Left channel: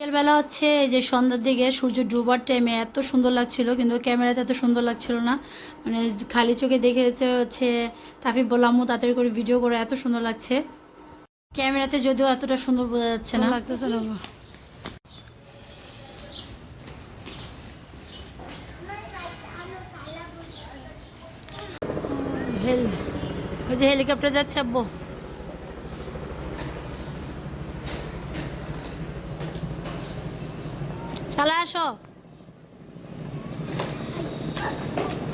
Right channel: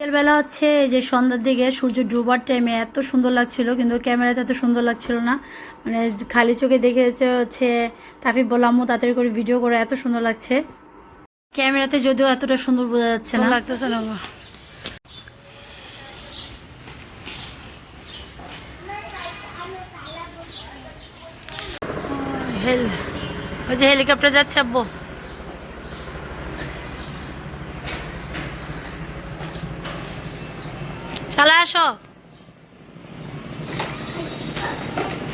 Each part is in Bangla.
বিকেলবেলা হচ্ছে এই যে সন্ধ্যার দিকে সূর্য ডুবার টাইমে এত সুন্দর লাগছিল, কিন্তু ক্যামেরাতে এত সুন্দর লাগছিল না। মানে খালি চোখে দেখে হচ্ছে তাফিফ বললাম তাড়াতাড়ি করে ভিডিও করে, এত সুন্দর লাগছে ক্যামেরাতে, যদিও এতটা সুন্দর বোঝা যাচ্ছে না, লাগতেছে না। ওই যে হেলিকপ্টার যাচ্ছে আব্বু, চালা আসো,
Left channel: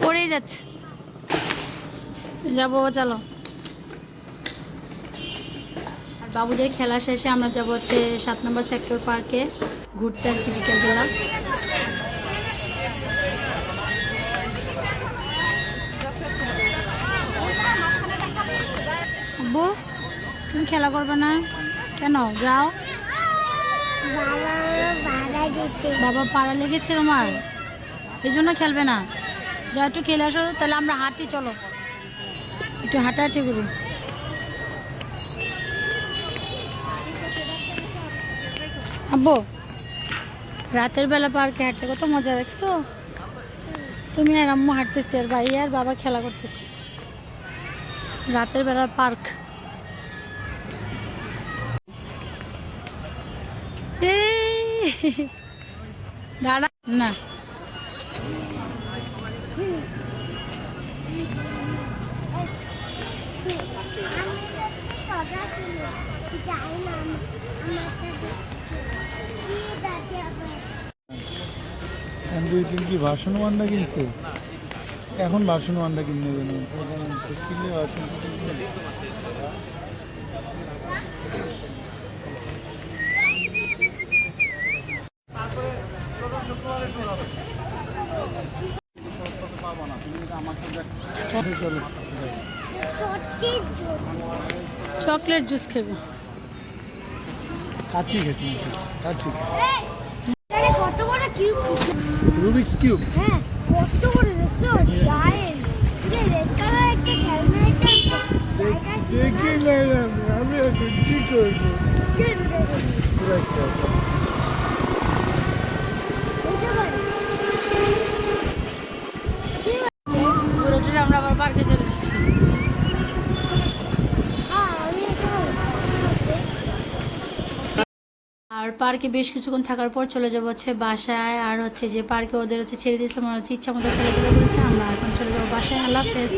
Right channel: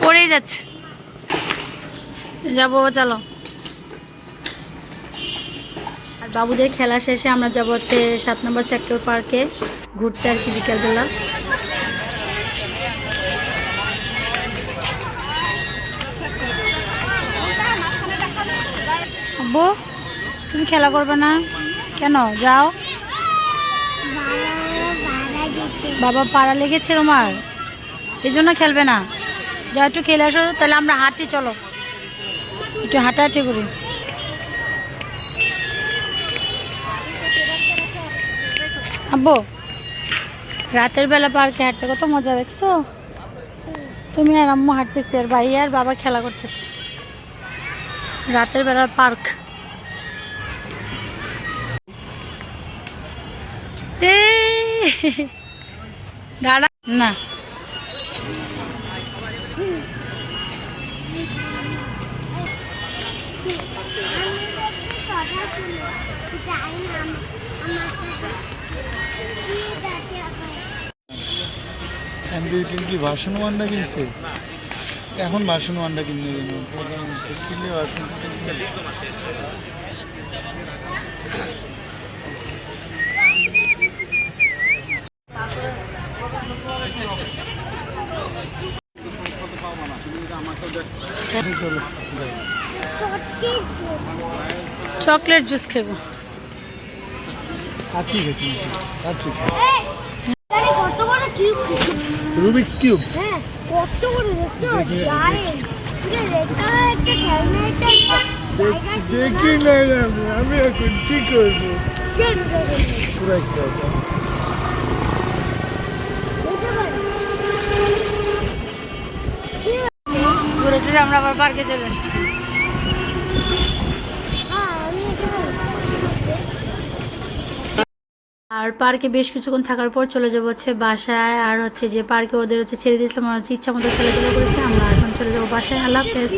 পড়েই যাচ্ছে, যাবো চলো। আর বাবুদের খেলা শেষে আমরা যাবো হচ্ছে 7 নম্বর সেক্টর পার্কে ঘুরতে আর কি বিকেলবেলা। আব্বু তুমি খেলা করবে না কেন? যাও, বাবা পাড়া লেগেছে তোমার, এই জন্য খেলবে না। যাও একটু খেলে আসো, তাহলে আমরা হাঁটি, চলো একটু হাঁটাহাঁটি করি। আব্বু রাতের বেলা পার্কে হাঁটতে কত মজা, দেখছো? তুমি আর আম্মু হাঁটতেছি আর ভাই আর বাবা খেলা করতেছে, রাতের বেলা পার্ক। দাঁড়া না, কম্পিউটার কি ভার্সন 1টা কিনছে? এখন ভার্সন 1টা কিনতে কিনলে ভার্সন চকলেট জুস খাবো। আছি খেতে আছি। রুবিক্স কিউব দেখি না, আমি এখন কি করবো? ঘুরে ঘুরে আমরা আবার পার্কে চলে আসছি। আর পার্কে বেশ কিছুক্ষণ থাকার পর চলে যাবো হচ্ছে বাসায়। আর হচ্ছে যে পার্কে ওদের হচ্ছে ছেড়ে দিয়েছিলাম, মনে হচ্ছে ইচ্ছা মতো খেলাধুলা করেছে, আমরা এখন চলে যাবো বাসায়। আল্লাহ হাফেজ।